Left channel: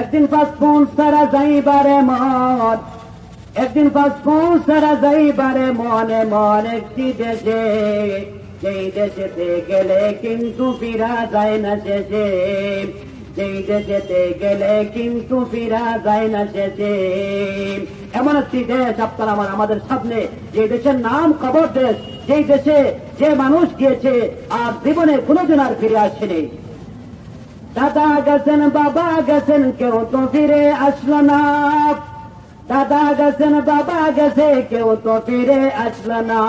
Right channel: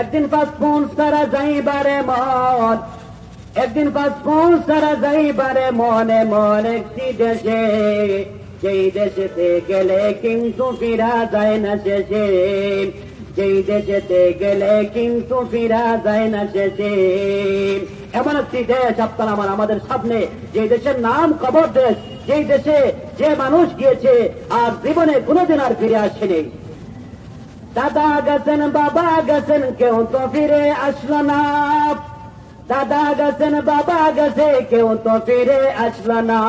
একদিন পাসপোর্ট সারা যাইবারে মন, একদিন পাসপোর্ট সারা যাইবারে মনে মন একটি দেশে, যেই দেশেতে গেলে কিন্তু ফিরা যায় না শেষে, যেই দেশেতে গেলে কিন্তু ফিরা যায় না শেষে। এমন একটি দেশ আপনার আমাদের সামনে, যে দেশের নাম কবর দেশ, যেই দেশে যে মানুষ গিয়েছে আর জীবনে কোনোদিন আর ফিরে আসেনি। দাদা গেছেন বাবা গেছেন কেউ তো ফিরে আসলো না, দাদা গেছেন বাবা গেছে কেউ তো ফিরে আসলো না।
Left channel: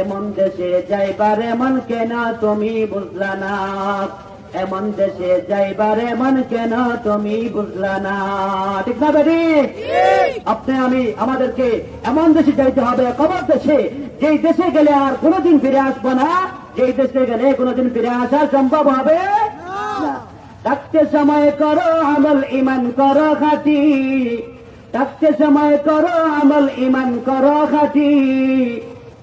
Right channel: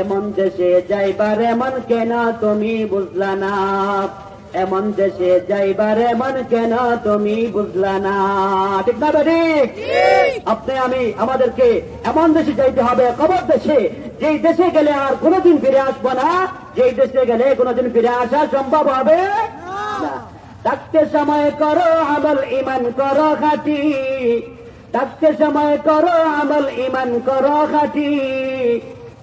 এমন দেশে যাইবার এমন কেন তুমি বুঝলা না, এমন দেশে যাইবার এমন কেন তুমি বুঝলা না। ঠিক না বেরি? আপনি আমি আমাদেরকে এমন দেশে যাইতে হবে, কবর দেশে, যেই দেশে গেলে আর কোনোদিন ফিরে আসবো না, যেই দেশে গেলে কোনোদিন ফিরে আসা সম্ভব হবে না। থাকতে সময় করো আমল ইমান করো খাঁটি, থাকতে সময় করো আমল ইমান করো খাঁটি,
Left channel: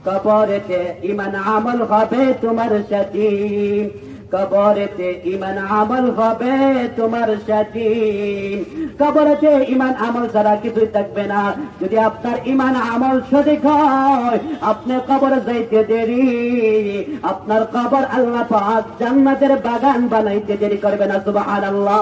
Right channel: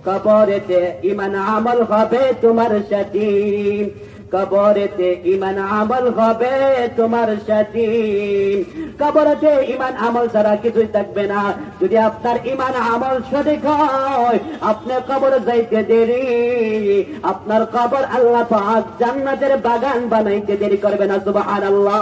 কবরেতে ইমান আমল হবে তোমার সাথী, কবরেতে ইমান আমল হবে তোমার সাথী। কবরেতে ইমান আমল ছাড়া কিছুই থাকবে না। যদি আপনার ইমান আমল সঠিক হয়, আপনি কবর যাইতে দেরি, আপনার কবর আল্লাহ পাক জান্নাতের বাগান বানাইতে দেরি করবে না। সুবহানাল্লাহ।